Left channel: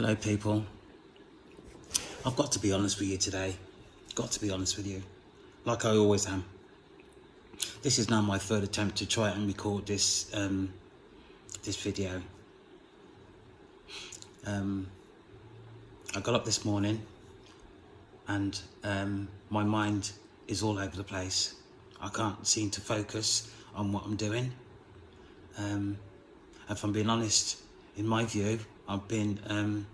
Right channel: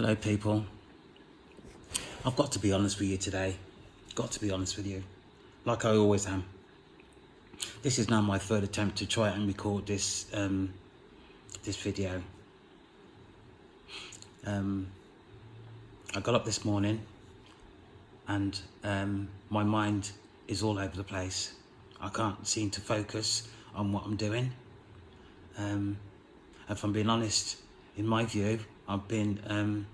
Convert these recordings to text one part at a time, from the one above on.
Hello people, I've got to be honest with you today, got to be honest with you, like I always am. This is now my third attempt to try and record this video. I got up this morning and my mind is all over the place. I can't seem to focus on what I'm doing. If I'm being honest, in my view, I've been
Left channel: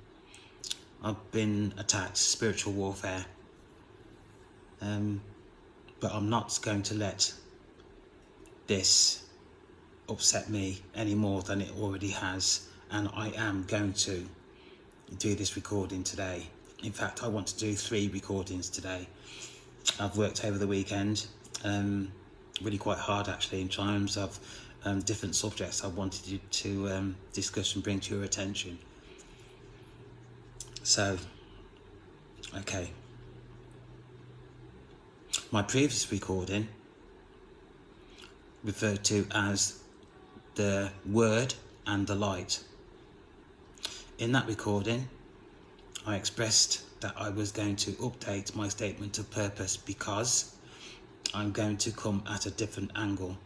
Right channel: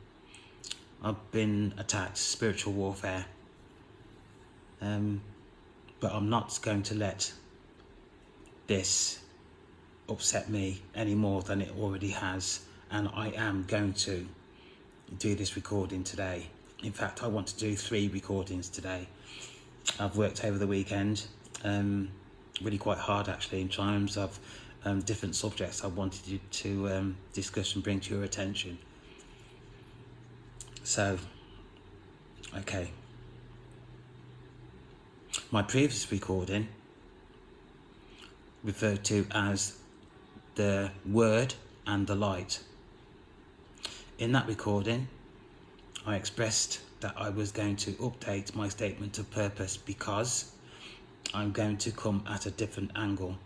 attacked, spiritual warfare, but I'm not going to let this upset me any more than it already has, and I am going to do this recording today. In fact, I want to do 3 recordings today. I've worked over the weekend really quite hard actually in terms of different subjects I wanted you to discuss and bring to your attention. So, okay. My previous recording referred to as the Word and the Light. In that recording, I expressed that I was going to update my statement of purpose because I'm going to come at a different angle.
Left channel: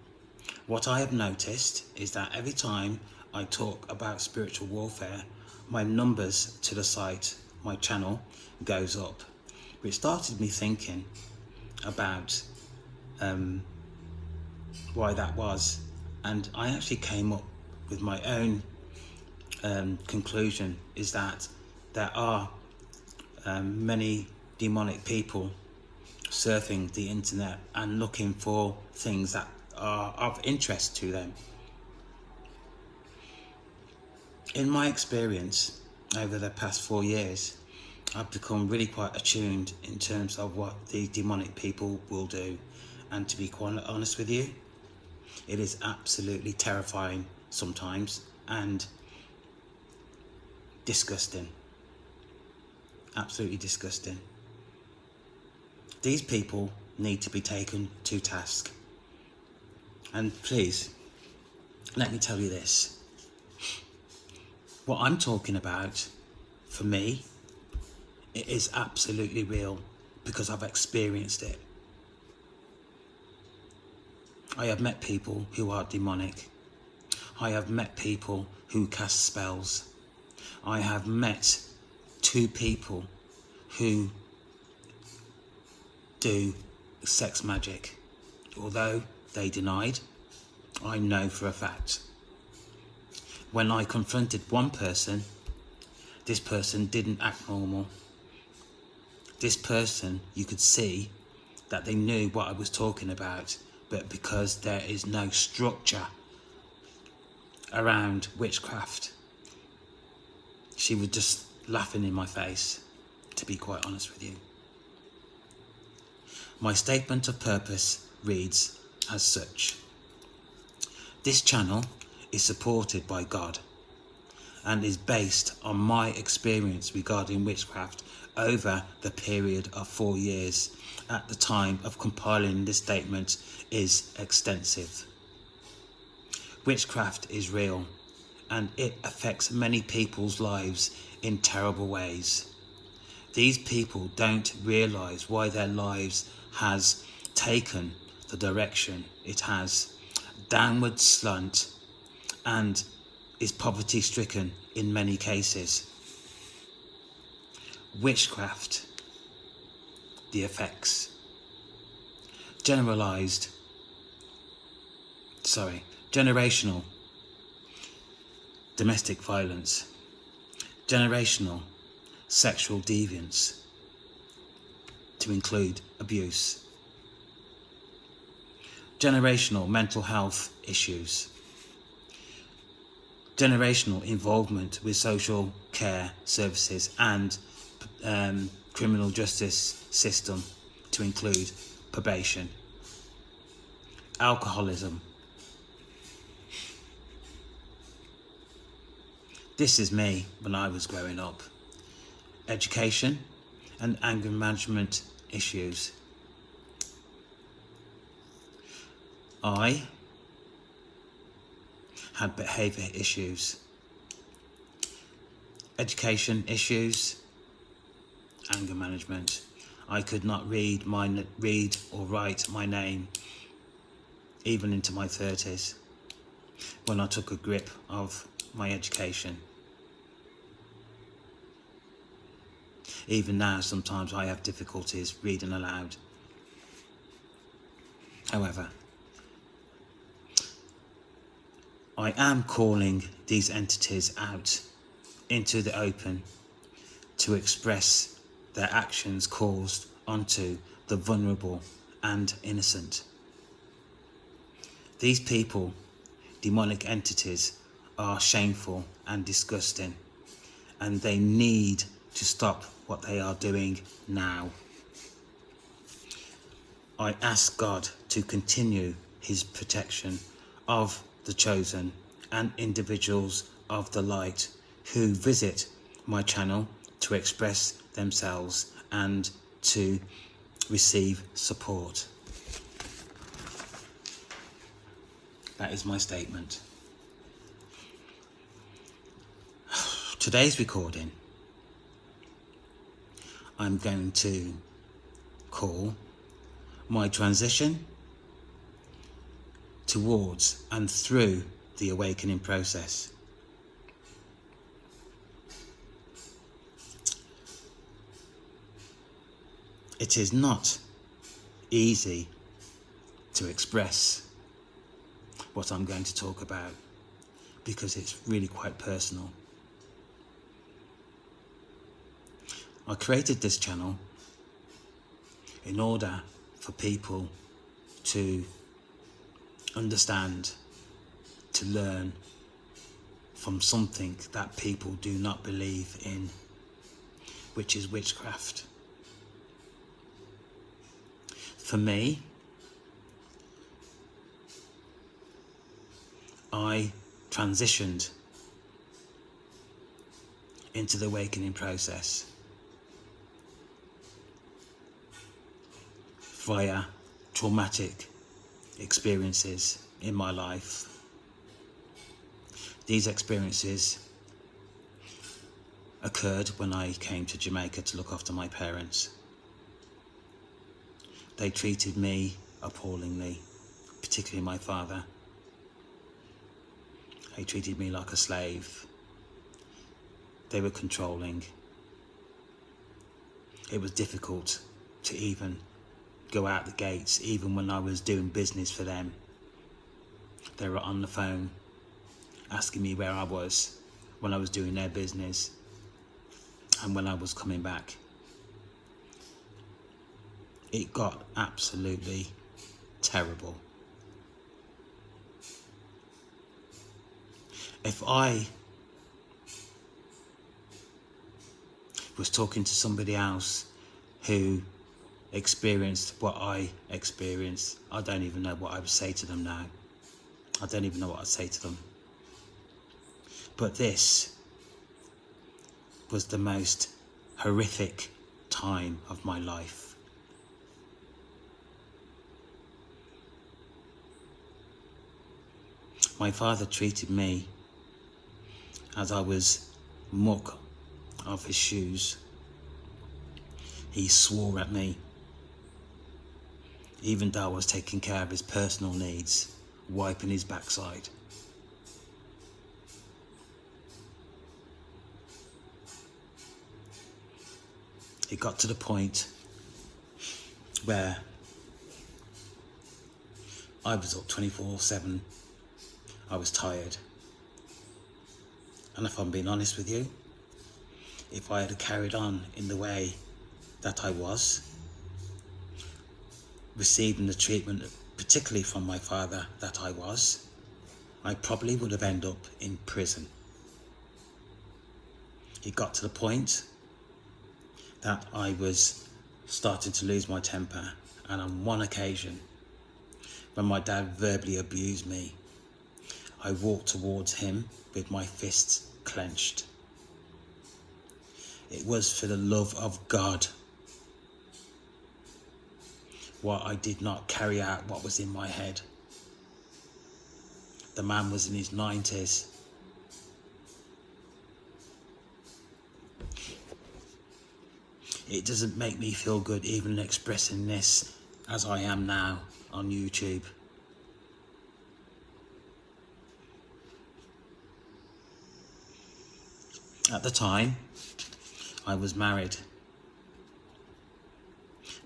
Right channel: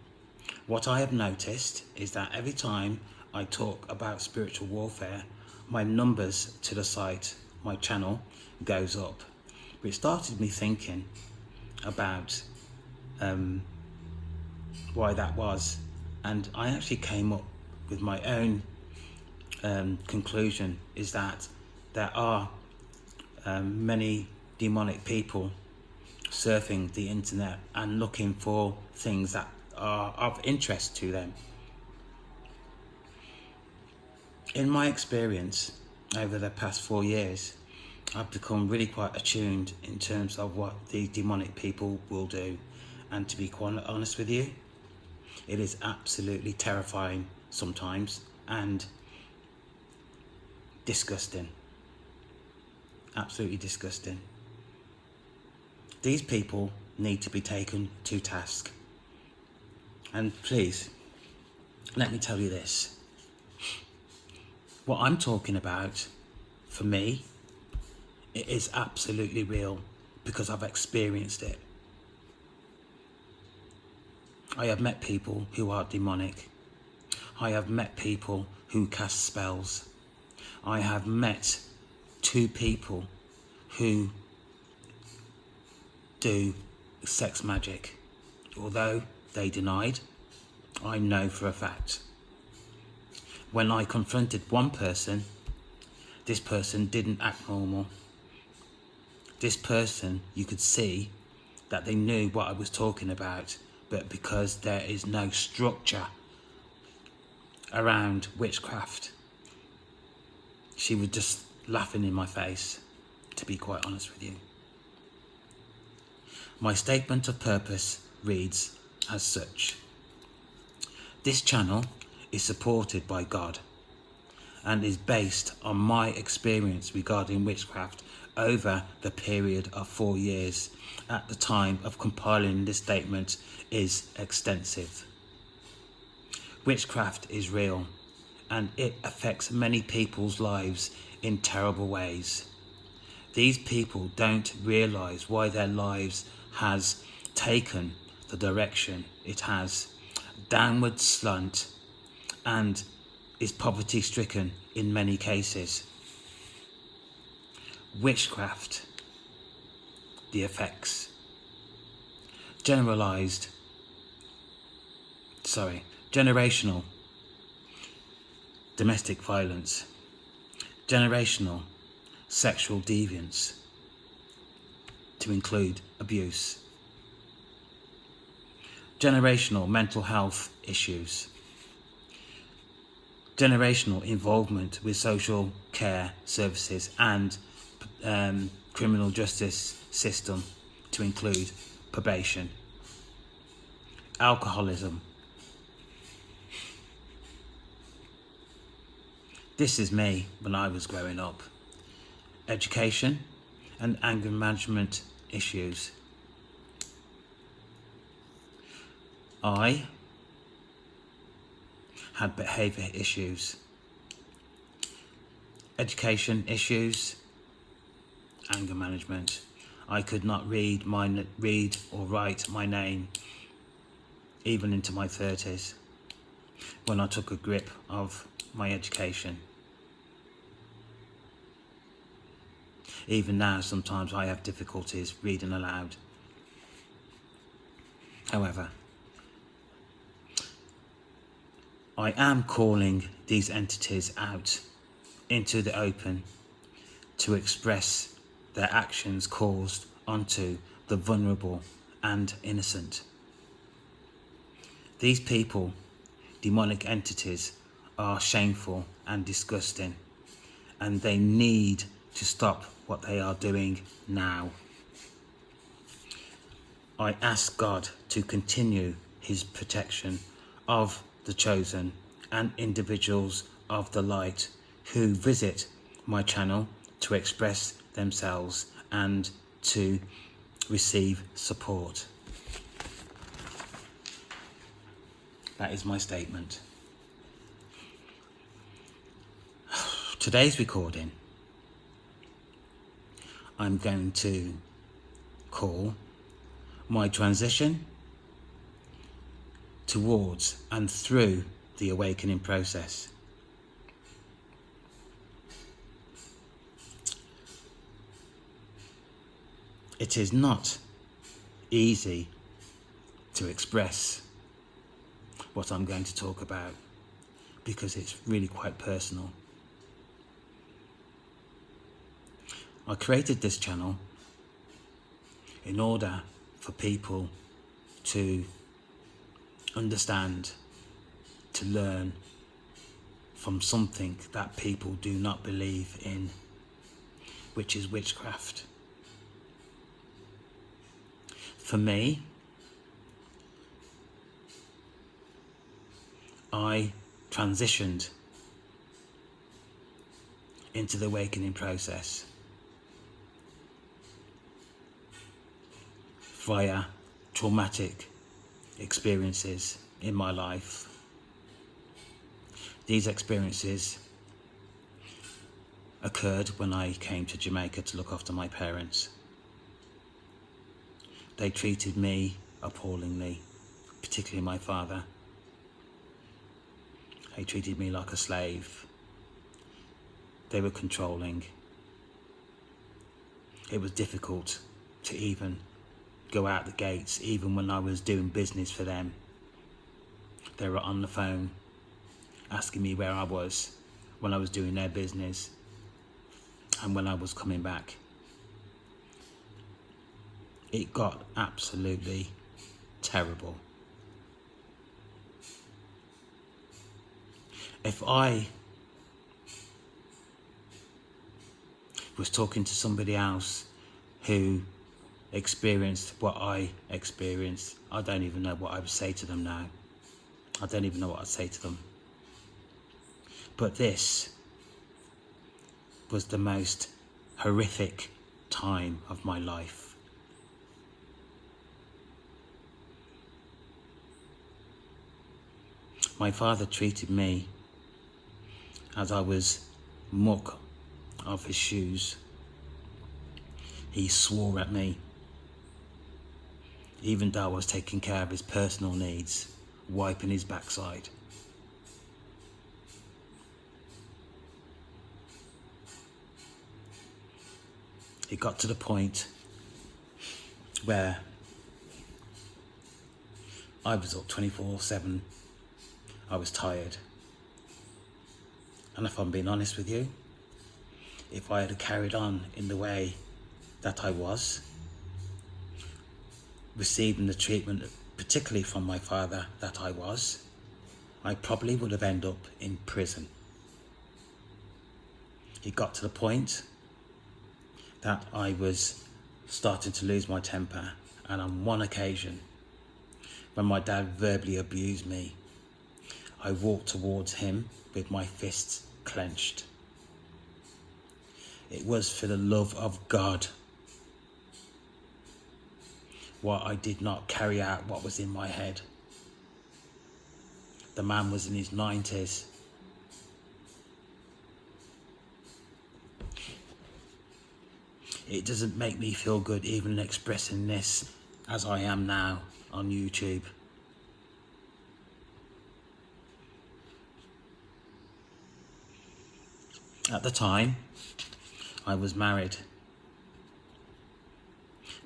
What I have noticed is that every time I talk about spiritual warfare, my numbers to the site, my channel, goes up, which started me thinking about why that was, and I actually came up with my own conclusion, is that there are many demonic people surfing the internet and looking for things that are of interest to them. In my experience over the past 4 years, I've become really quite attuned in terms of what these demonic people will do, and to be quite honest with you, it is absolutely terrifying sometimes and disgusting. Absolutely disgusting. These people need to be taken to task. And please, let me tell you this. What I'm talking about, for me, it is absolutely real because I've experienced it. I have met people who are demonic. I have met people who cast spells. I have met 2 people who do sex magic. Although they denied, I know for a fact. When I confronted one person, this person didn't act normal. This person, you could see that they knew what I was talking about, but because there is no structure around witchcraft, she was just laughing in my face, to be quite honest with you. My statement of purpose reads as such. This channel is supported by God and is based on my experience regarding witchcraft over the period of 4 years at the time of compiling this statement is extensive. Witchcraft is real and it affects many people's lives in terrible ways. These people don't realise why their lives has taken the direction it has, downward slant, and is poverty stricken in many cases. Witchcraft, the effects. Generational domestic violence, generational sexual deviance, to include abuse, generational mental health issues, generational involvement with social care services and criminal justice system, to include probation, alcoholism. This is me when I was growing up. Education and anger management issues. I had behaviour issues. education issues, anger management. I could not read or write my name even into my 30s when I took a grip of my education. Even now, sometimes I have difficulties reading aloud. However, I am calling these entities out into the open to express their actions caused onto the vulnerable and innocent. These people, demonic entities, are shameful and disgusting, and they need to stop what they are doing now. I ask God to continue his protection of the chosen and individuals of the light who visit my channel to express themselves and to receive support. That is my statement. Today's recording, I'm going to call my transition towards and through the awakening process. It is not easy to express what I'm going to talk about because it's really quite personal. I created this channel in order for people to understand, to learn from something that people do not believe in, which is witchcraft. For me, I transitioned into the awakening process via traumatic experiences in my life. These experiences occurred when I came to Jamaica to look after my parents. They treated me appallingly, particularly my father. He treated me like a slave. They were controlling. It was difficult to even go out the gates, even when I was doing business for them. They were on the phone asking me where I was when I was doing their business and when I was coming back. It got absolutely terrible. If I was talking to somebody else who experienced what I experienced, I don't even know what I would say to them now. I don't even know what I'd say to them. But this was the most horrific time of my life. My father treated me as I was muck of his shoes. He swore at me, even though I was taking care of his personal needs, wiping his backside. It got to the point where I was up 24/7. I was tired. And if I'm being honest with you, if I had carried on in the way that I was, receiving the treatment, particularly from my father, that I was, I probably would have ended up in prison. It got to the point that I was starting to lose my temper, and on one occasion, when my dad verbally abused me, I walked towards him with my fists clenched. It was for the love of God why I did not carry out what was in my head. The man was in his 90s. It doesn't make me feel good even expressing this as I am now on YouTube. At the time, I was married.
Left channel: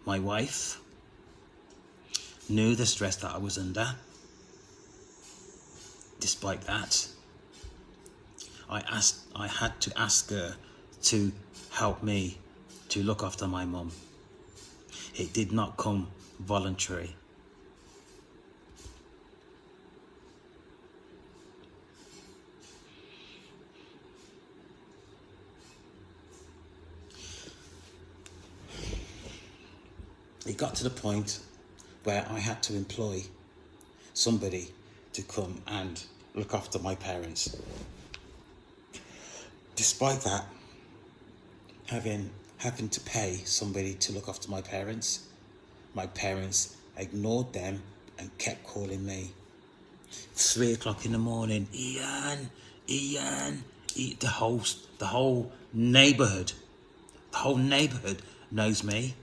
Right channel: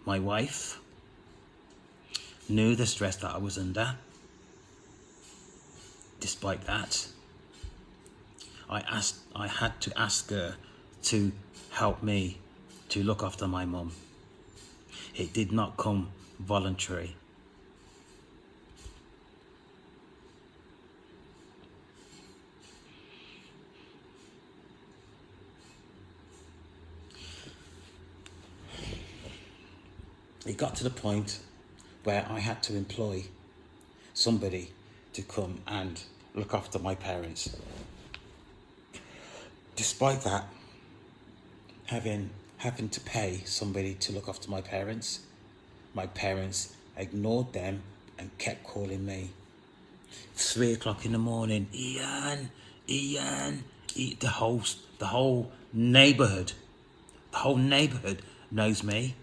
My wife knew the stress that I was under. Despite that, I had to ask her to help me to look after my mum. It did not come voluntary. It got to the point where I had to employ somebody to come and look after my parents. Despite that, having to pay somebody to look after my parents ignored them and kept calling me. 3 o'clock in the morning, Ian, the whole neighbourhood knows me.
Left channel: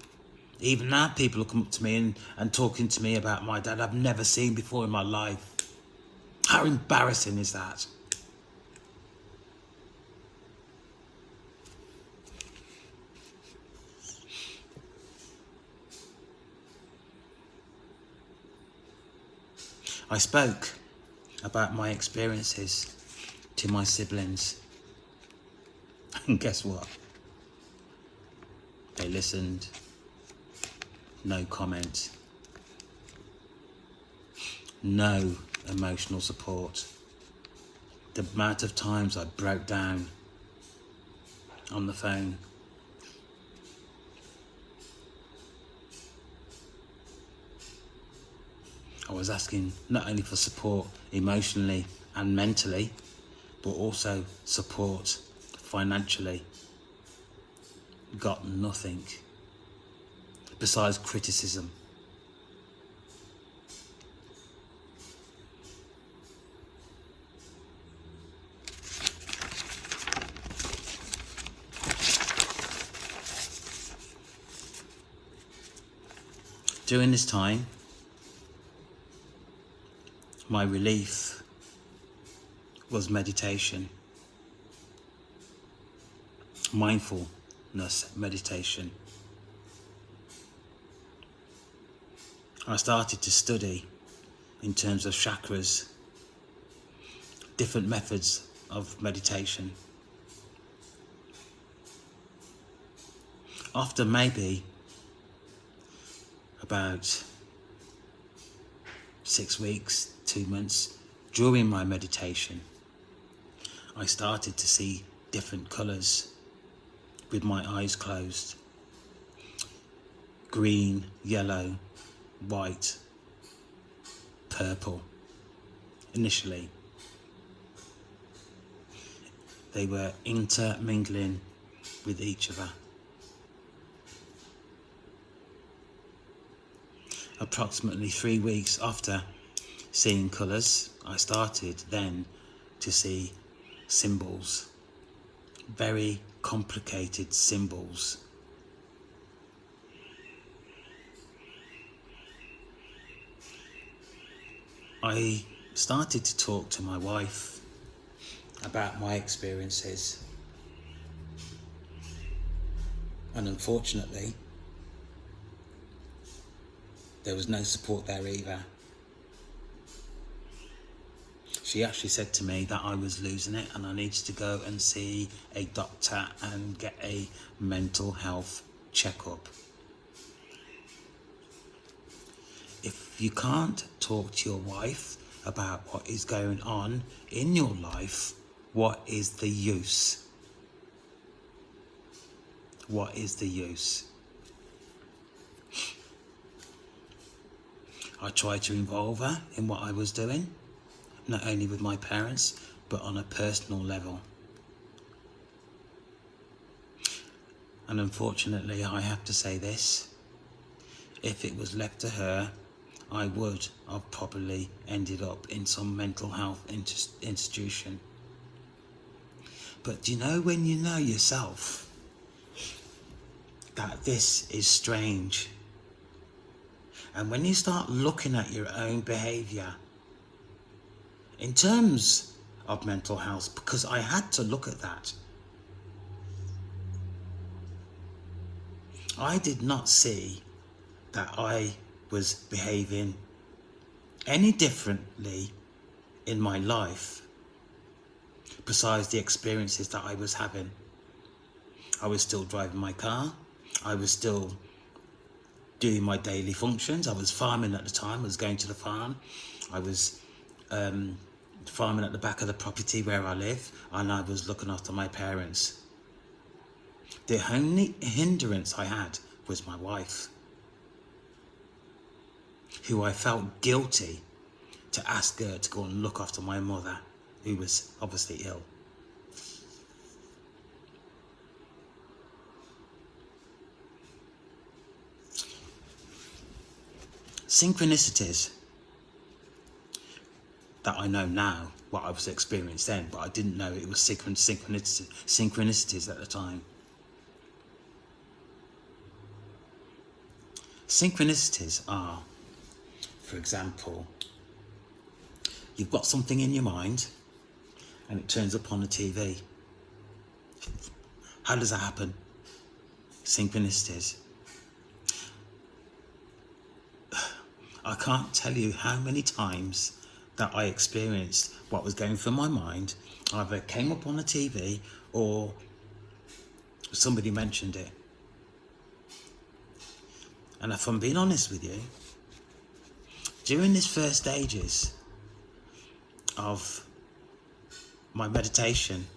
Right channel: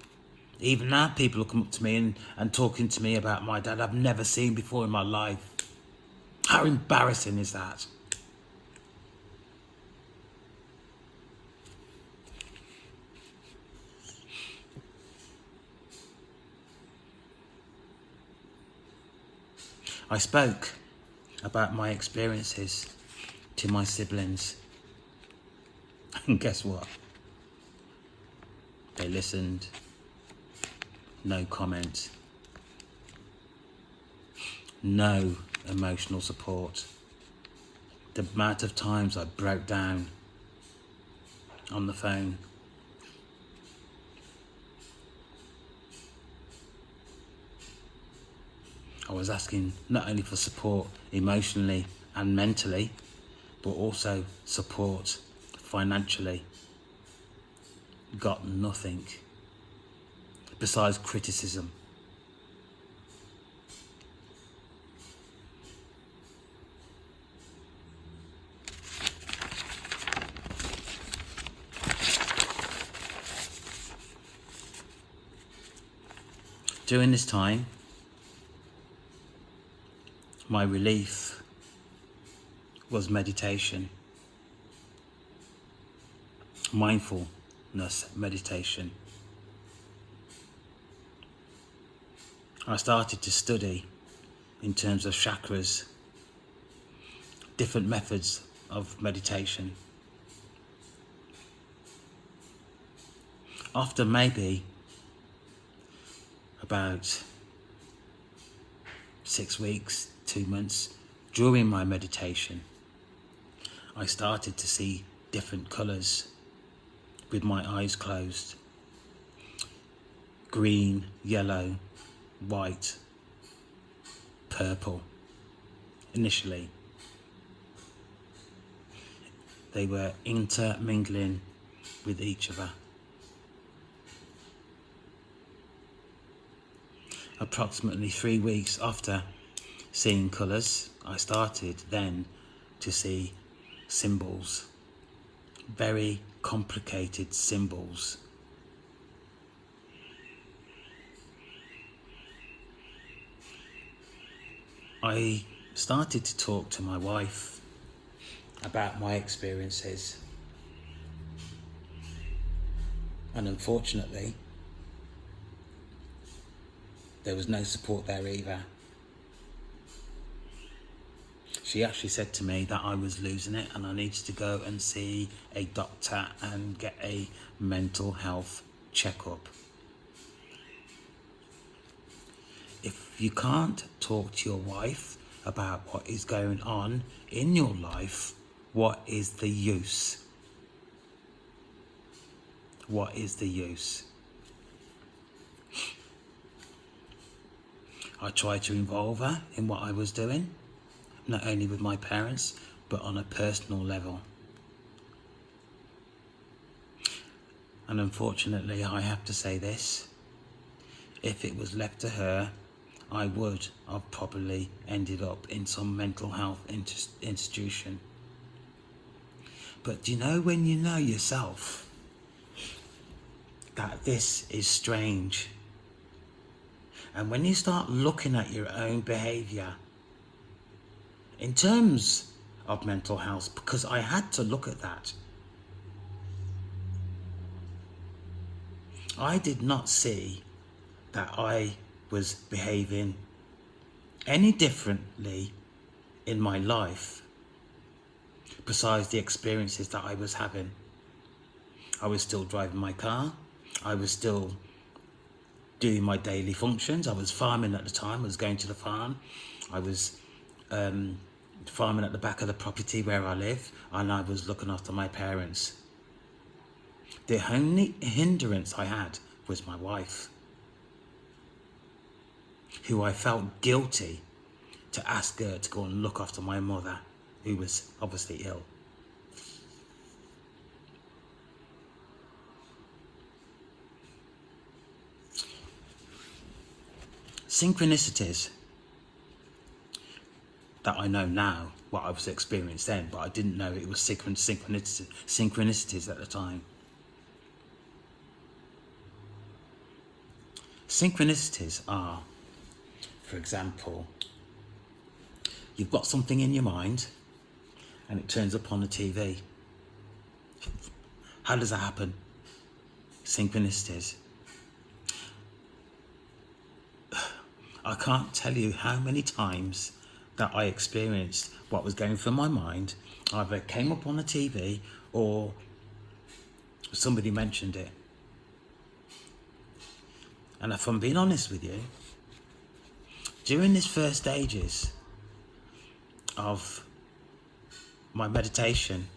Even now, people will come up to me and talking to me about my dad I've never seen before in my life. How embarrassing is that? I spoke about my experiences to my siblings. And guess what? They listened. No comment. No emotional support. The amount of times I broke down on the phone. I was asking not only for support emotionally and mentally, but also support financially. Got nothing besides criticism. During this time, my relief was meditation, mindfulness meditation. I started to study in terms of chakras, different methods of meditation. After maybe about 6 weeks, 2 months, during my meditation, I started to see different colours with my eyes closed. Green, yellow, white, purple. Initially, they were intermingling with each other. Approximately 3 weeks after seeing colours, I started then to see symbols, very complicated symbols. I started to talk to my wife about my experiences, and unfortunately there was no support there either. She actually said to me that I was losing it and I needed to go and see a doctor and get a mental health checkup. If you can't talk to your wife about what is going on in your life, what is the use? What is the use? I tried to involve her in what I was doing, not only with my parents, but on a personal level. And unfortunately, I have to say this, if it was left to her, I would have probably ended up in some mental health institution. But you know, when you know yourself, that this is strange. And when you start looking at your own behaviour in terms of mental health, because I had to look at that, I did not see that I was behaving any differently in my life besides the experiences that I was having. I was still driving my car. I was still doing my daily functions. I was farming at the time. I was going to the farm. I was farming at the back of the property where I live, and I was looking after my parents. The only hindrance I had was my wife, who I felt guilty to ask her to go and look after my mother, who was obviously ill. Synchronicities that I know now, what I was experiencing then, but I didn't know it was synchronicities at the time. Synchronicities are, for example, you've got something in your mind and it turns up on the TV. How does that happen? Synchronicities. I can't tell you how many times that I experienced what was going through my mind. Either came up on the TV or somebody mentioned it. And if I'm being honest with you, during these first stages of my meditation,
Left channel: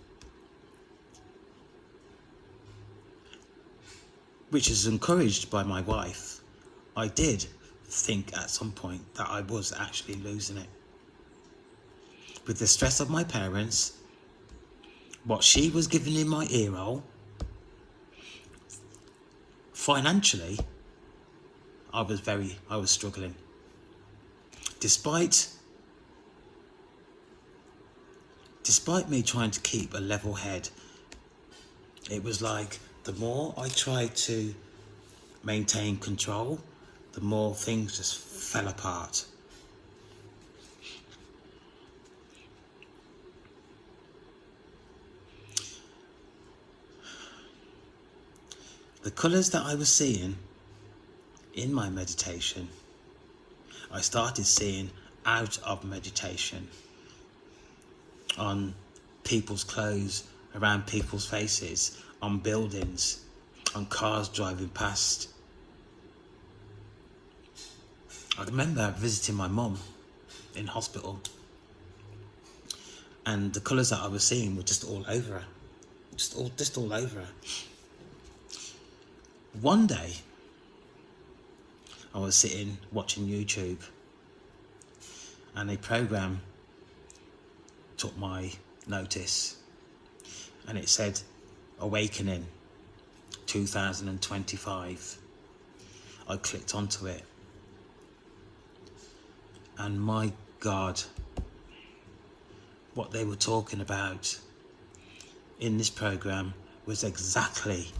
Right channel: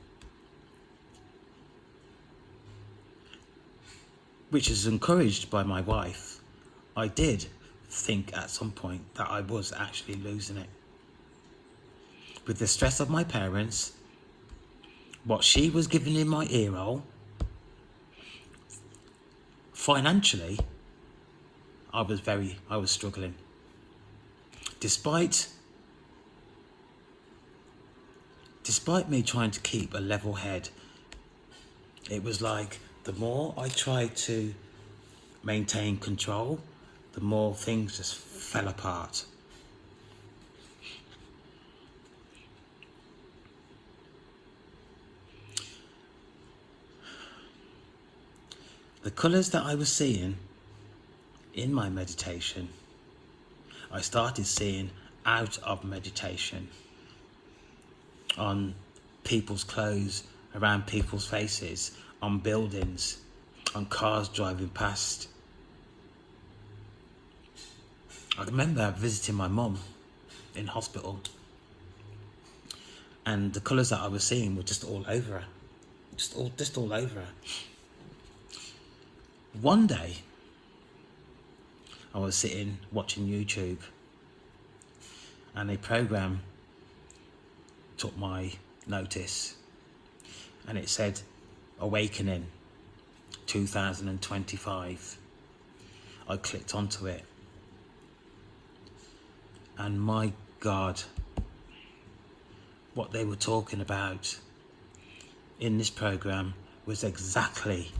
which is encouraged by my wife, I did think at some point that I was actually losing it. With the stress of my parents, what she was giving in my ear roll, financially, I was struggling. Despite me trying to keep a level head, it was like the more I tried to maintain control, the more things just fell apart. The colours that I was seeing in my meditation, I started seeing out of meditation, on people's clothes, around people's faces, on buildings, on cars driving past. I remember visiting my mum in hospital, and the colours that I was seeing were just all over her, just all over her. One day, I was sitting watching YouTube, and a program took my notice, and it said Awakening 2025. I clicked onto it, and my God, what they were talking about in this program was exactly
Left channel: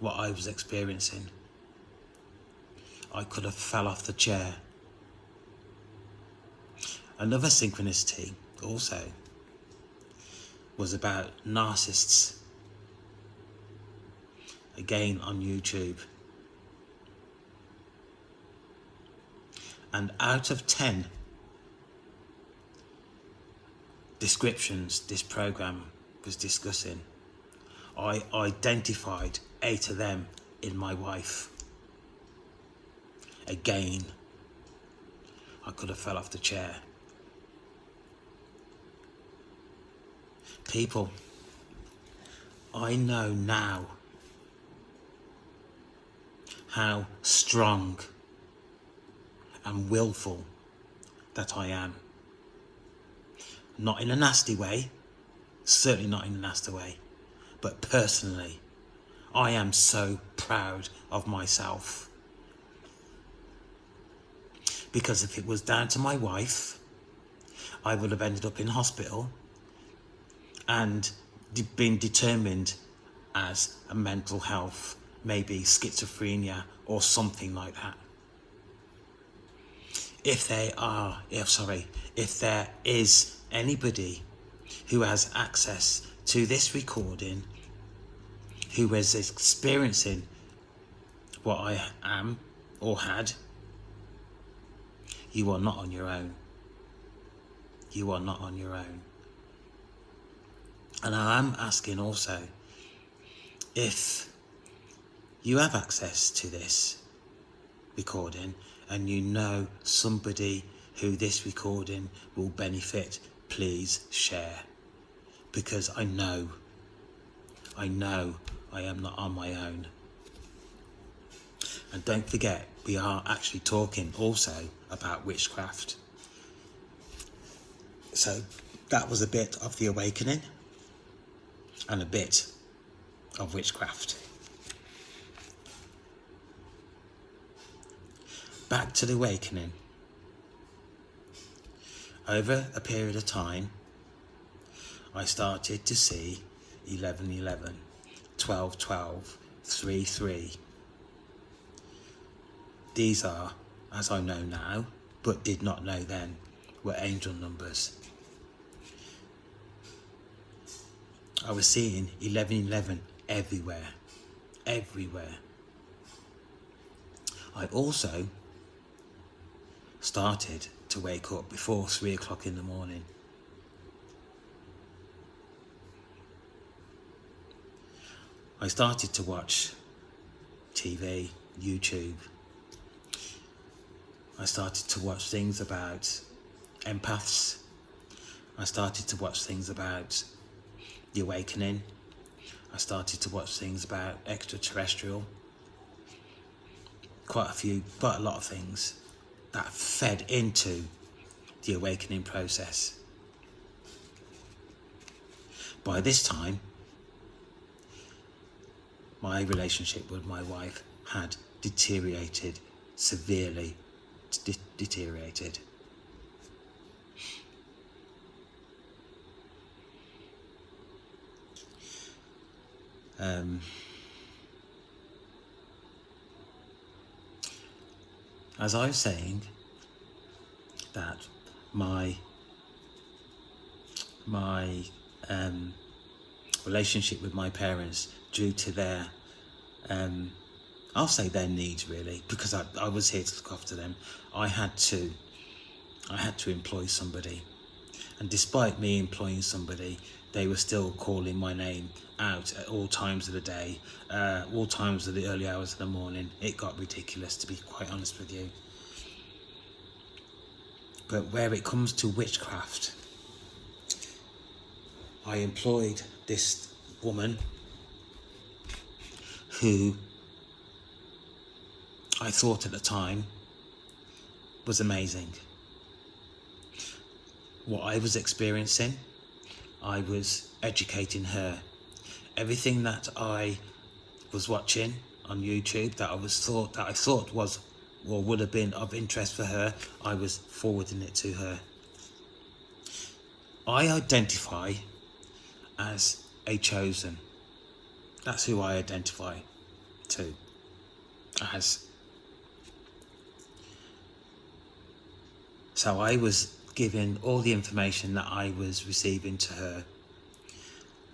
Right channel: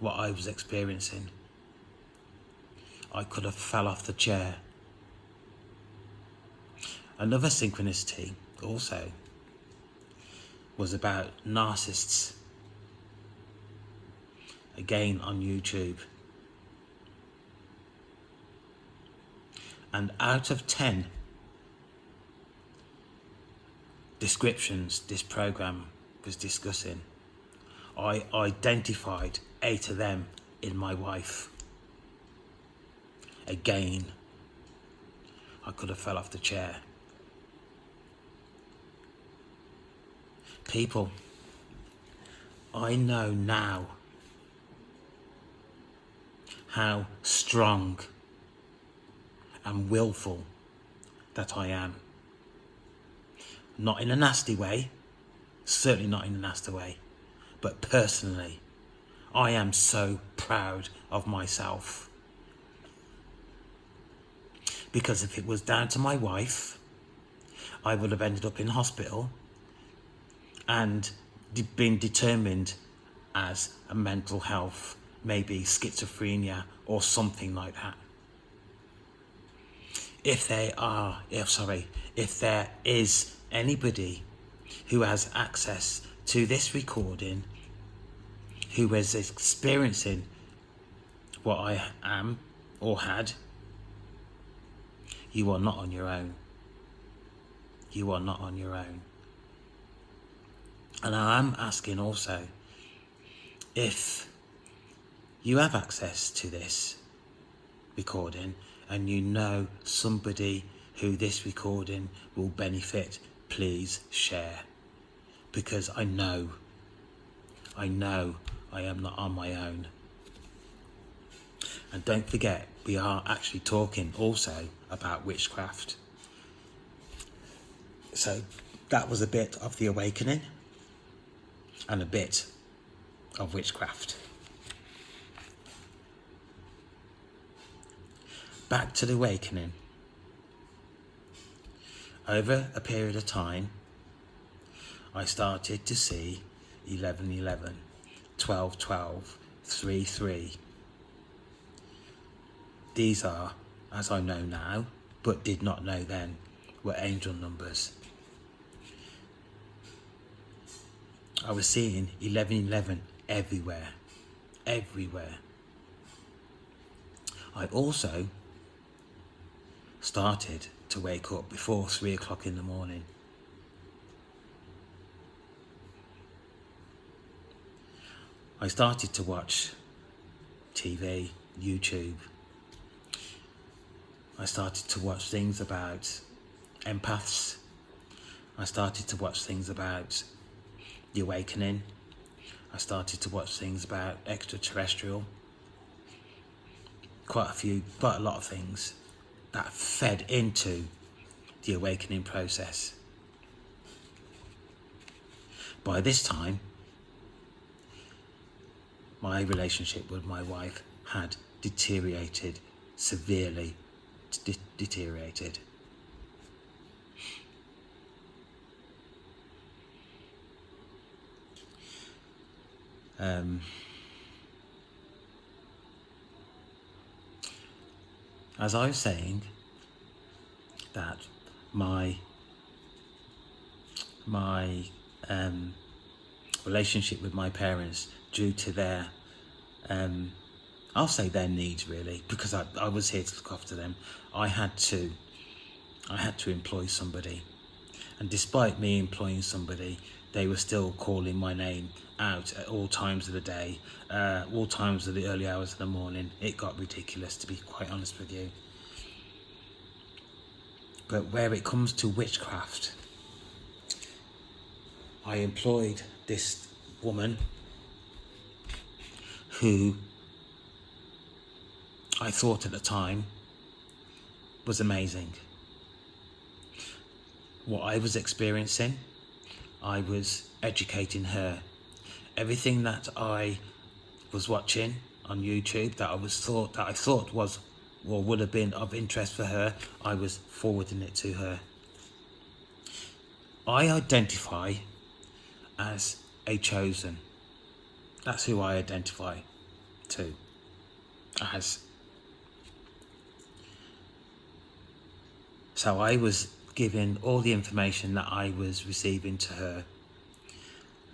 what I was experiencing. I could have fell off the chair. Another synchronicity also was about narcissists, again on YouTube. And out of 10 descriptions this program was discussing, I identified 8 of them in my wife. Again, I could have fell off the chair. People, I know now how strong and willful that I am. Not in a nasty way, certainly not in a nasty way, but personally, I am so proud of myself. Because if it was down to my wife, I would have ended up in hospital and been determined as a mental health maybe schizophrenia or something like that. If there is anybody who has access to this recording, who is experiencing what I am or had, you are not on your own. You are not on your own. And I am asking also, if you have access to this recording and you know somebody who this recording will benefit, please share. Because I know I am not on my own. And don't forget, we are actually talking also about witchcraft. So that was a bit of the awakening and a bit of witchcraft. Back to the awakening. Over a period of time, I started to see 11:11, 12:12, 3:3. These are, as I know now, but did not know then, were angel numbers. I was seeing 11:11 everywhere. I also started to wake up before 3 o'clock in the morning. I started to watch TV, YouTube. I started to watch things about empaths. I started to watch things about the awakening. I started to watch things about extraterrestrial. Quite a lot of things that fed into the awakening process. By this time, my relationship with my wife had deteriorated, severely deteriorated. As I was saying, that my relationship with my parents, due to their I'll say their needs really, because I was here to look after them, I had to employ somebody, and despite me employing somebody, they were still calling my name out at all times of the day, all times of the early hours of the morning. It got ridiculous, to be quite honest with you. But where it comes to witchcraft, I employed this woman who I thought at the time was amazing. What I was experiencing, I was educating her. Everything that I was watching on YouTube that I thought was or would have been of interest for her, I was forwarding it to her. I identify as a chosen. That's who I identify to as. So I was giving all the information that I was receiving to her.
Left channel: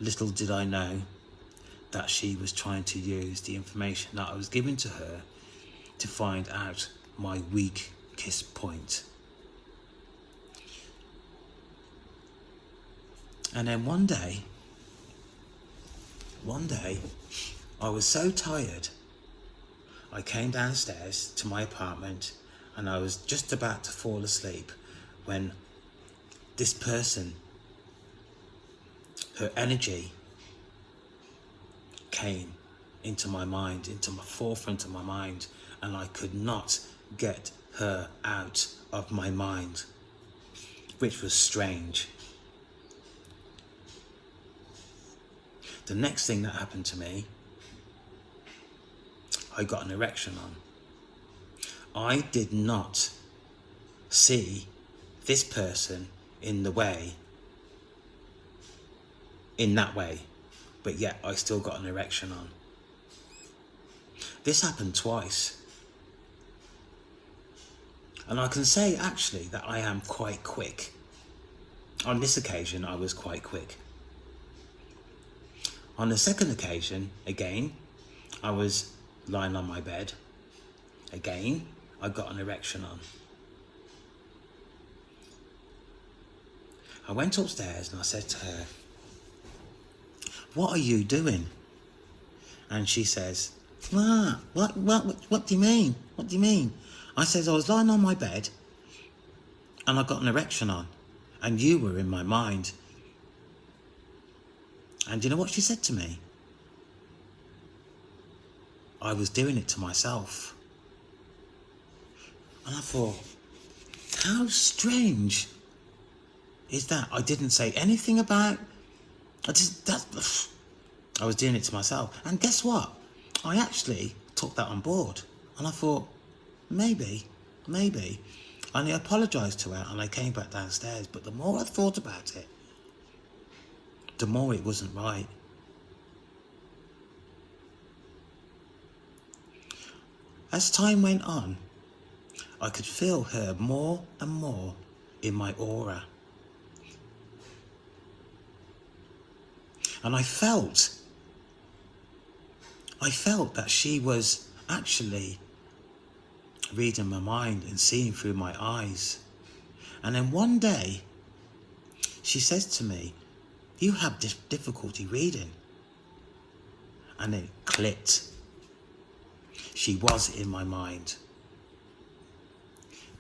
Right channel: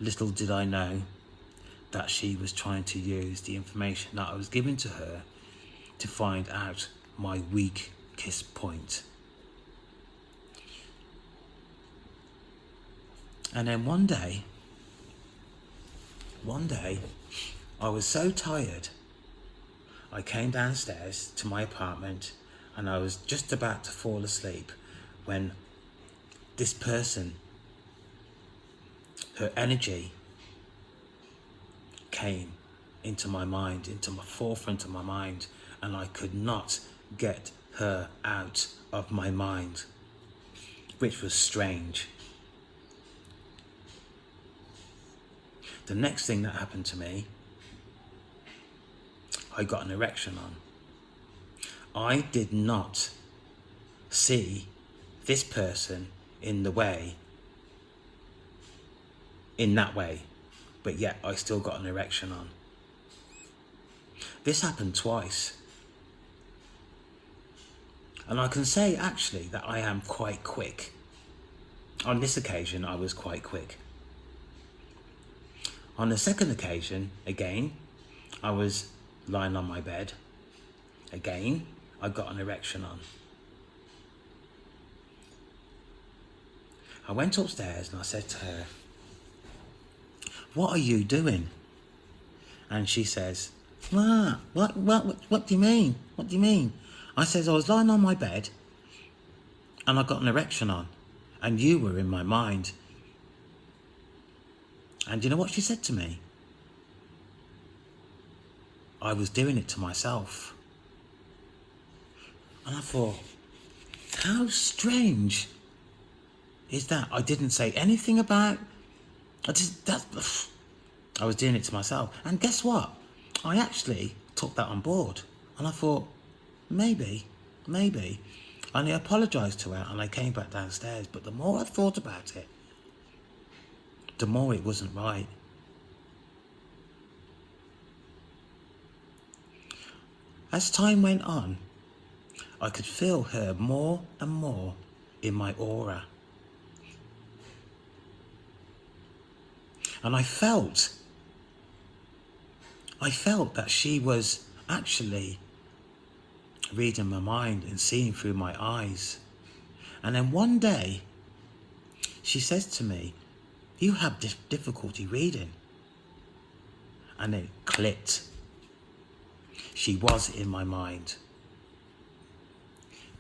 Little did I know that she was trying to use the information that I was giving to her to find out my weakest point. And then one day, I was so tired, I came downstairs to my apartment and I was just about to fall asleep when this person, her energy came into my mind, into my forefront of my mind, and I could not get her out of my mind, which was strange. The next thing that happened to me, I got an erection on. I did not see this person in that way, but yet I still got an erection on. This happened twice. And I can say actually that I am quite quick. On this occasion, I was quite quick. On the second occasion, again, I was lying on my bed. Again, I got an erection on. I went upstairs and I said to her, "What are you doing?" And she says, what do you mean? What do you mean? I says, "I was lying on my bed and I got an erection on and you were in my mind." And you know what she said to me? "I was doing it to myself." And I thought, how strange is that? I didn't say anything about, I was doing it to myself. And guess what? I actually took that on board. And I thought, maybe. And I apologised to her and I came back downstairs. But the more I thought about it, the more it wasn't right. As time went on, I could feel her more and more in my aura. And I felt that she was actually reading my mind and seeing through my eyes. And then one day, she says to me, "You have difficulty reading." And it clicked. She was in my mind.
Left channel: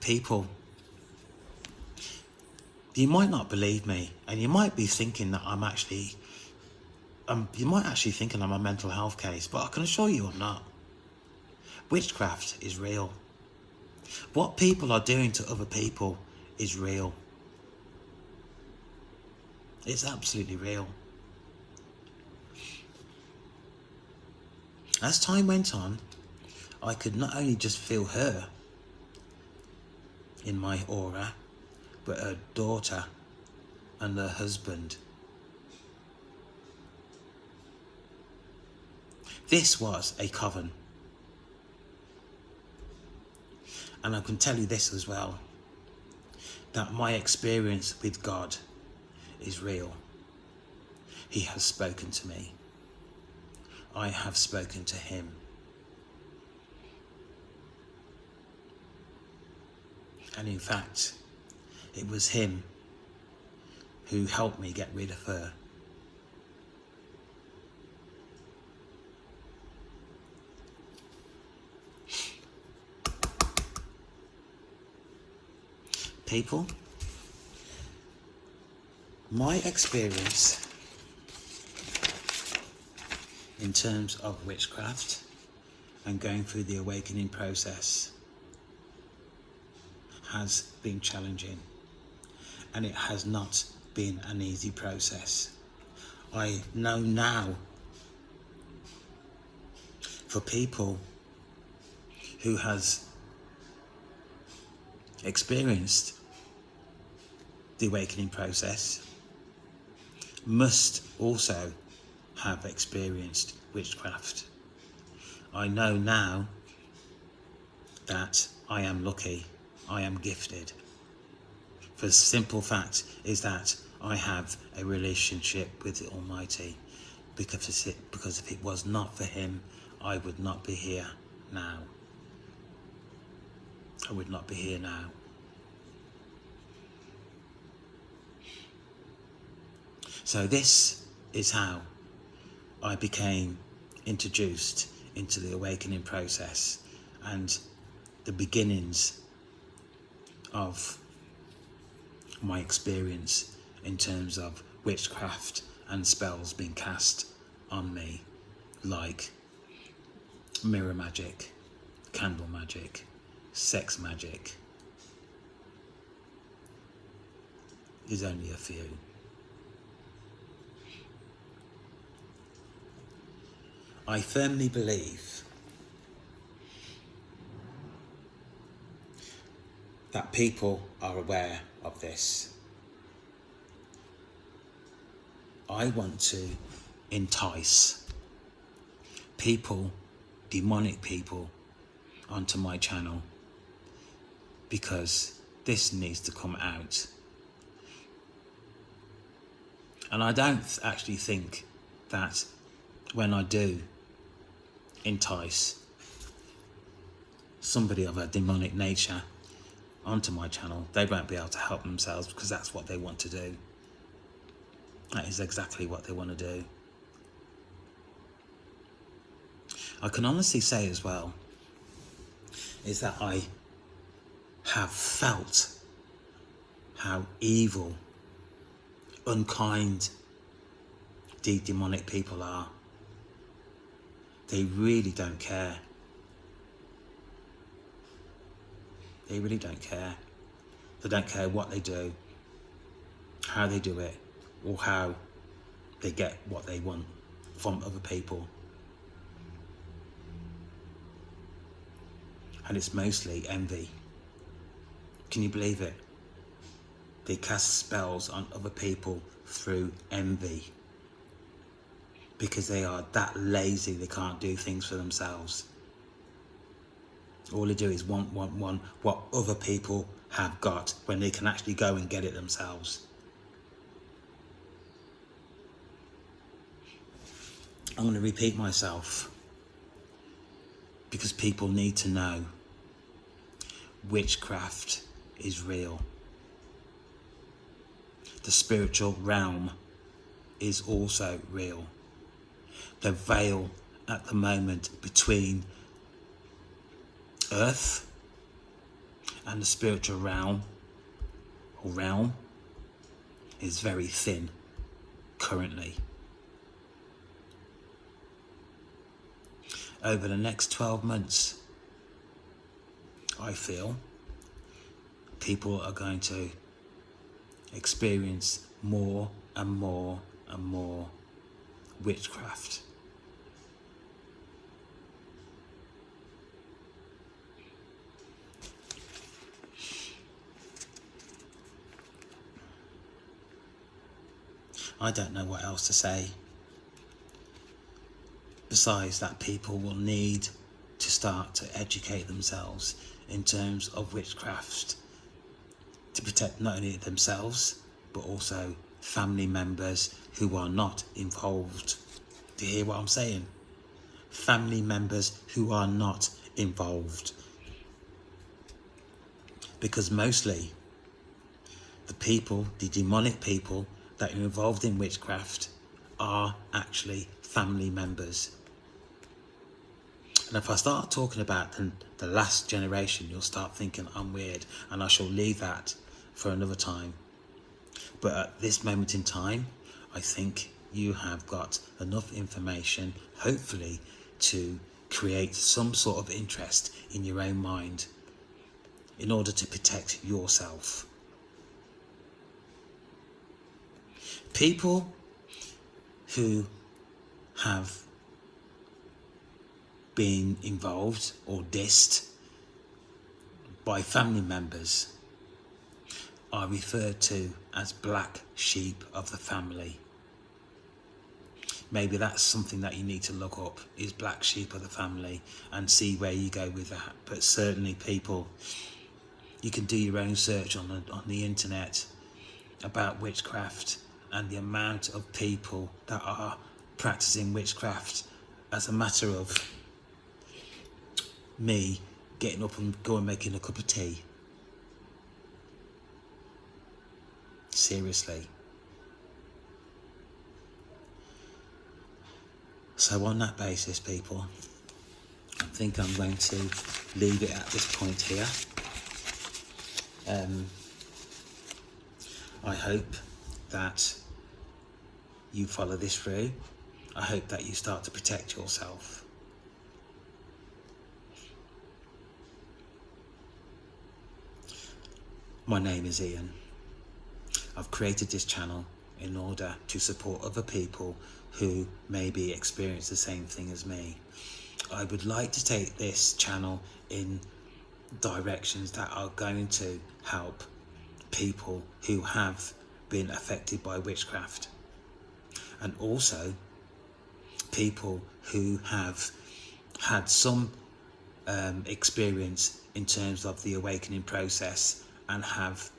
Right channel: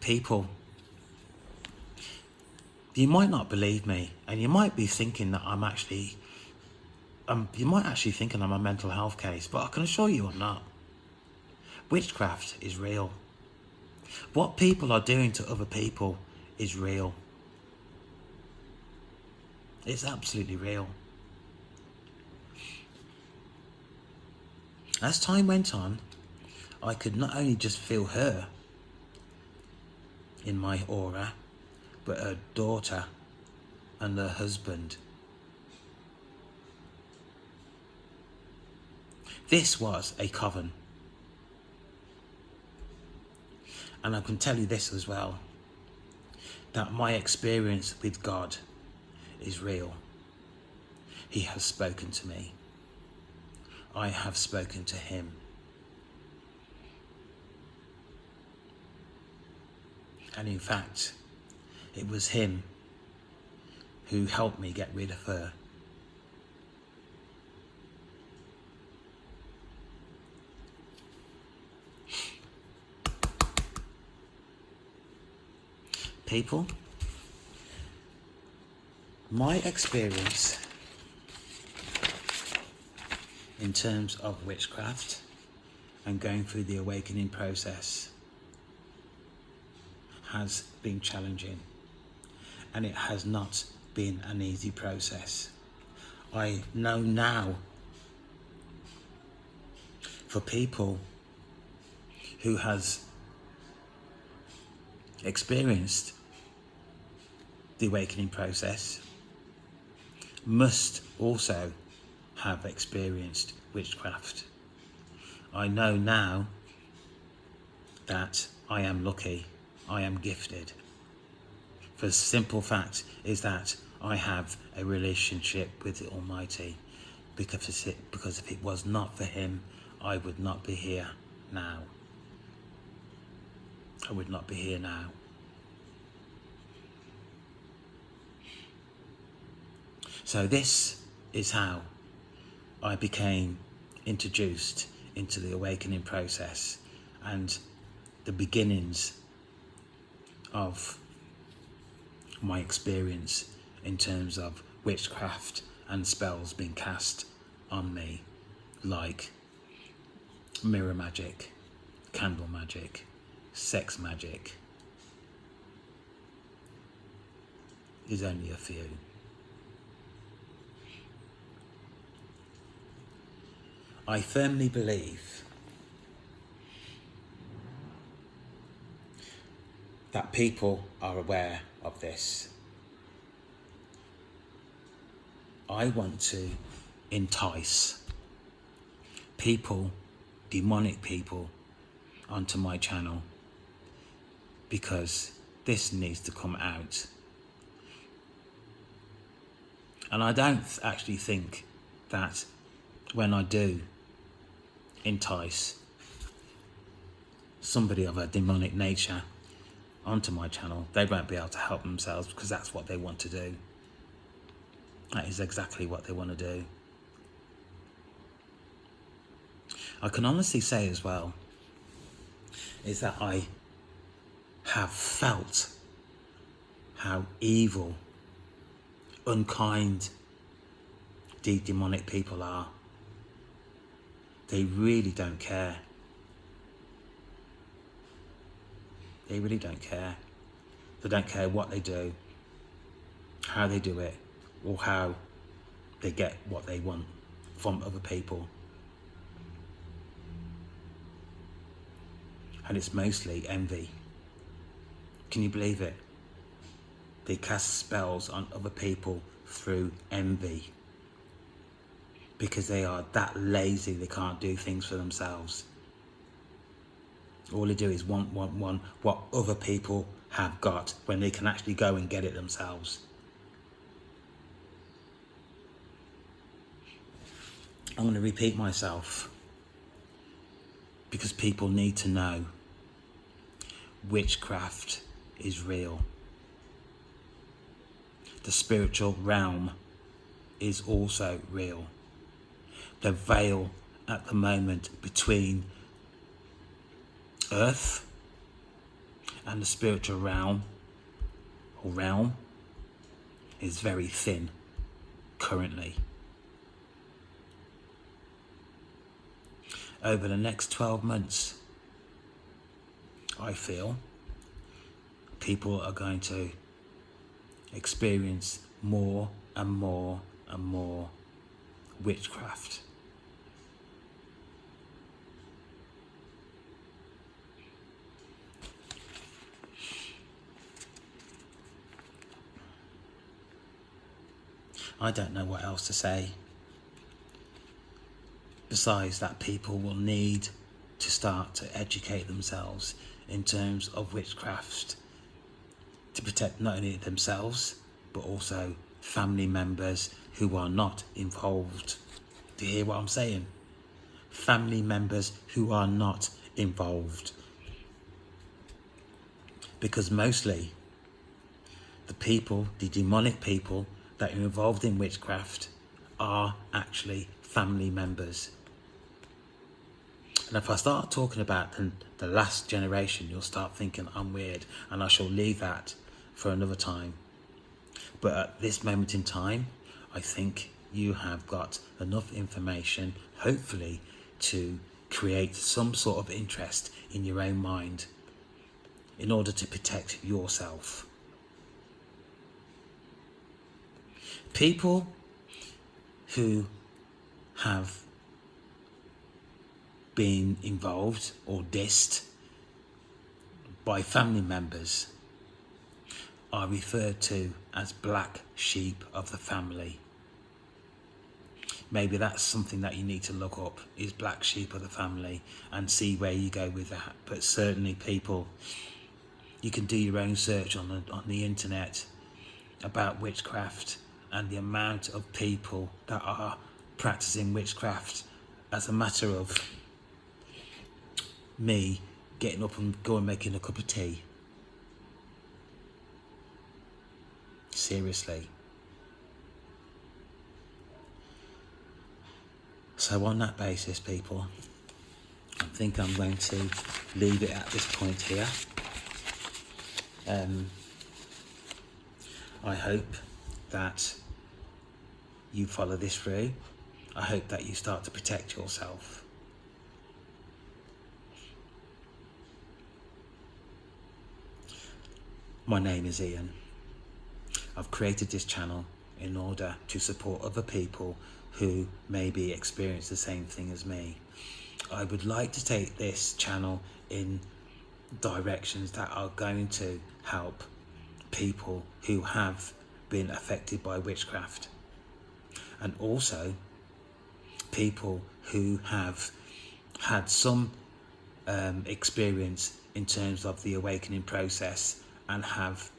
People, you might not believe me, and you might be thinking that you might actually thinking I'm a mental health case, but I can assure you I'm not. Witchcraft is real. What people are doing to other people is real. It's absolutely real. As time went on, I could not only just feel her in my aura, but her daughter and her husband. This was a coven. And I can tell you this as well, that my experience with God is real. He has spoken to me. I have spoken to him. And in fact, it was him who helped me get rid of her. People, my experience in terms of witchcraft and going through the awakening process has been challenging, and it has not been an easy process. I know now, for people who has experienced the awakening process, must also have experienced witchcraft. I know now that I am lucky, I am gifted. For the simple fact is that I have a relationship with the Almighty, because if it was not for him, I would not be here now. I would not be here now. So this is how I became introduced into the awakening process and the beginnings of my experience in terms of witchcraft and spells being cast on me, like mirror magic, candle magic, sex magic, is only a few. I firmly believe that people are aware of this. I want to entice people demonic people onto my channel, because this needs to come out. And I don't actually think that when I do entice somebody of a demonic nature onto my channel, they won't be able to help themselves, because that's what they want to do. That is exactly what they want to do. I can honestly say as well is that I have felt how evil, unkind these demonic people are. They really don't care. They really don't care. They don't care what they do, how they do it, or how they get what they want from other people. And it's mostly envy. Can you believe it? They cast spells on other people through envy, because they are that lazy they can't do things for themselves. All they do is want what other people have got, when they can actually go and get it themselves. I'm going to repeat myself, because people need to know witchcraft is real. The spiritual realm is also real. The veil at the moment between earth and the spiritual realm is very thin currently. Over the next 12 months, I feel people are going to experience more and more and more witchcraft. I don't know what else to say. Besides that, people will need to start to educate themselves in terms of witchcraft, to protect not only themselves but also family members who are not involved. Do you hear what I'm saying? Family members who are not involved. Because mostly the demonic people that are involved in witchcraft are actually family members. And if I start talking about the last generation, you'll start thinking I'm weird, and I shall leave that for another time. But at this moment in time, I think you have got enough information, hopefully, to create some sort of interest in your own mind in order to protect yourself. People who have been involved or dissed by family members are referred to as black sheep of the family. Maybe that's something that you need to look up, is black sheep of the family, and see where you go with that. But certainly people, you can do your own search on the internet about witchcraft and the amount of people that are practicing witchcraft as a matter of me getting up and going making a cup of tea. Seriously. So on that basis, people, I think I'm going to leave it at this point here. I hope that you follow this through. I hope that you start to protect yourself. My name is Ian. I've created this channel in order to support other people who maybe experience the same thing as me. I would like to take this channel in directions that are going to help people who have been affected by witchcraft, and also people who have had some experience in terms of the awakening process and have,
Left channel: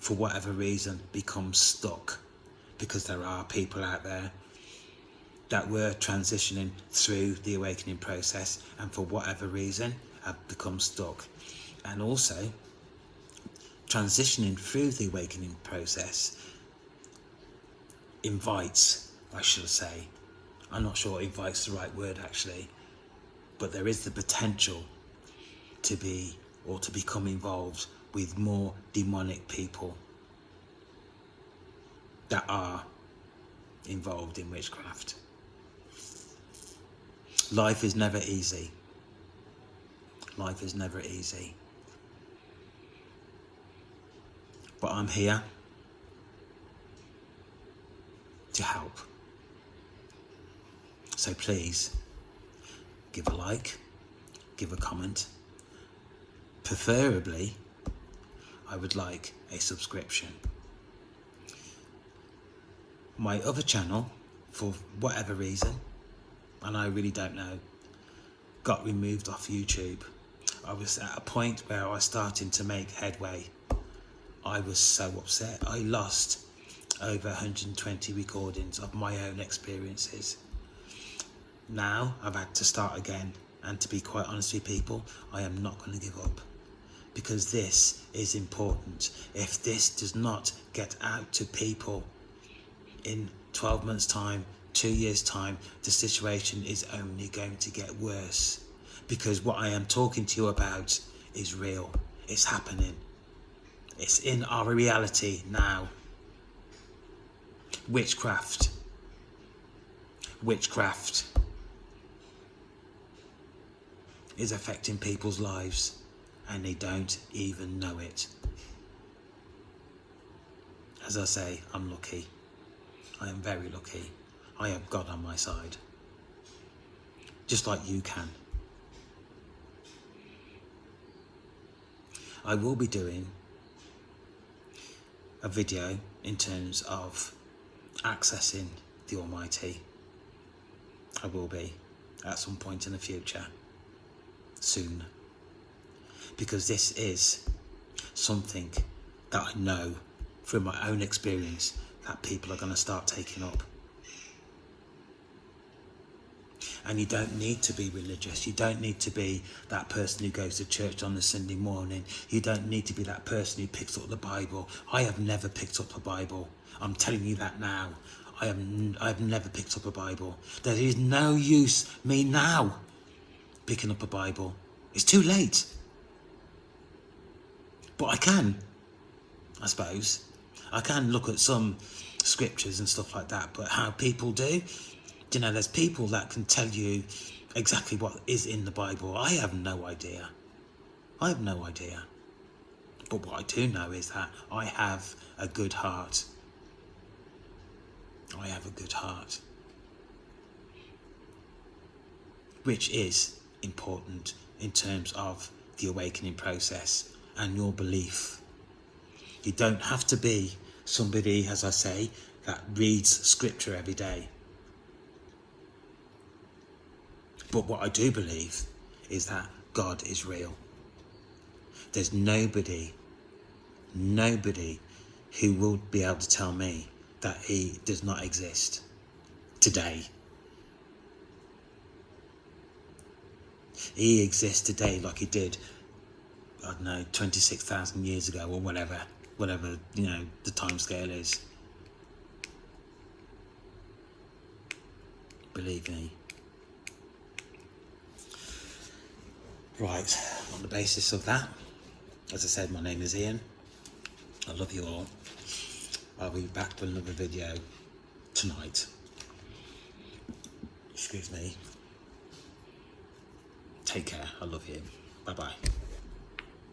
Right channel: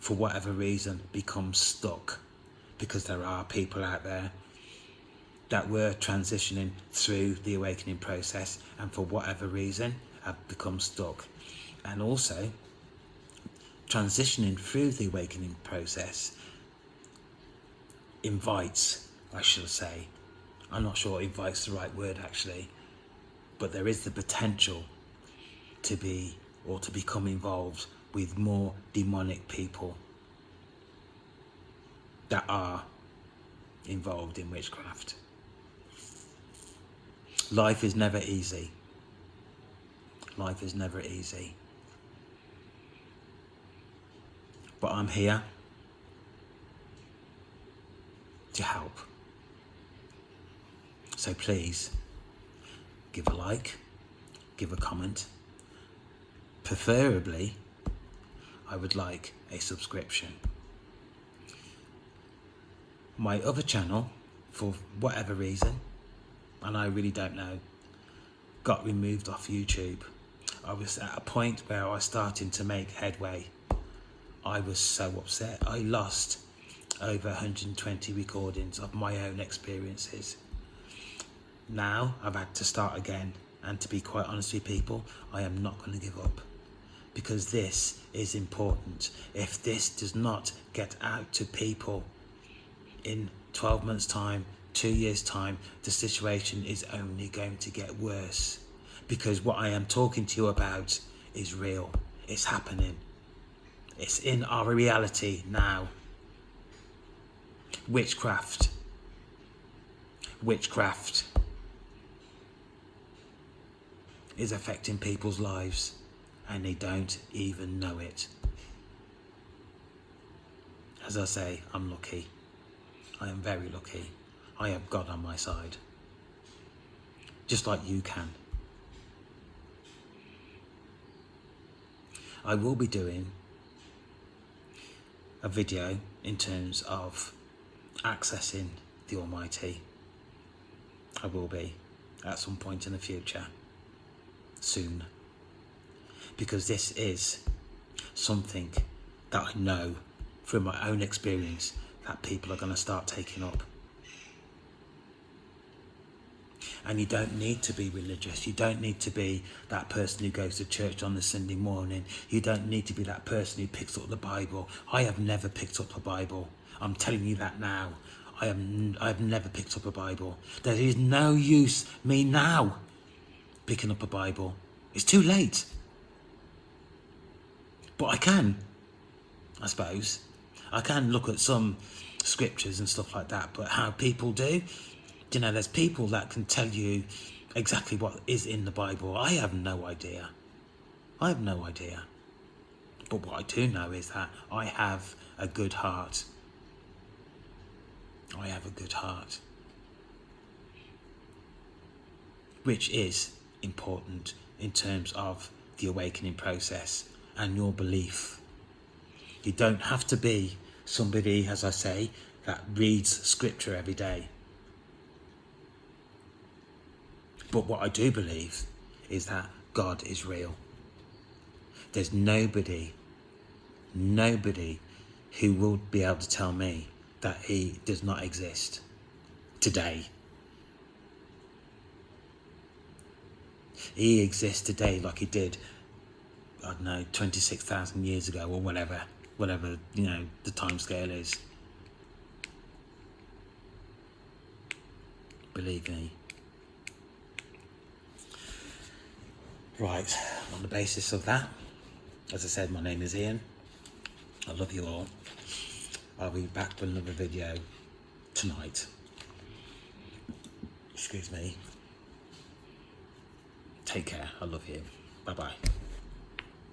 for whatever reason, become stuck, because there are people out there that were transitioning through the awakening process and for whatever reason have become stuck. And also, transitioning through the awakening process invites, I should say, I'm not sure invite's the right word actually, but there is the potential to be or to become involved with more demonic people that are involved in witchcraft. Life is never easy. Life is never easy. But I'm here to help. So please, give a like, give a comment. Preferably, I would like a subscription. My other channel, for whatever reason, and I really don't know, got removed off YouTube. I was at a point where I was starting to make headway. I was so upset. I lost over 120 recordings of my own experiences. Now I've had to start again, and to be quite honest with people, I am not going to give up, because this is important. If this does not get out to people in 12 months time, 2 years time, the situation is only going to get worse, because what I am talking to you about is real. It's happening. It's in our reality now. Witchcraft is affecting people's lives, and they don't even know it. As I say, I'm lucky. I am very lucky. I have God on my side. Just like you can. I will be doing a video in terms of accessing the Almighty. I will be at some point in the future, soon, because this is something that I know from my own experience that people are going to start taking up. And you don't need to be religious. You don't need to be that person who goes to church on a Sunday morning. You don't need to be that person who picks up the Bible. I have never picked up a Bible. I'm telling you that now. I've never picked up a Bible. There is no use me now picking up a Bible. It's too late. But I can, I suppose. I can look at some scriptures and stuff like that, but how people do, you know, there's people that can tell you exactly what is in the Bible. I have no idea. I have no idea. But what I do know is that I have a good heart. I have a good heart. Which is important in terms of the awakening process and your belief. You don't have to be somebody, as I say, that reads scripture every day. But what I do believe is that God is real. There's nobody who will be able to tell me that he does not exist today. He exists today like he did, I don't know, 26,000 years ago or whatever, you know, the time scale is. Believe me. Right, on the basis of that, as I said, my name is Ian. I love you all. I'll be back for another video tonight. Excuse me. Take care. I love you. Bye-bye.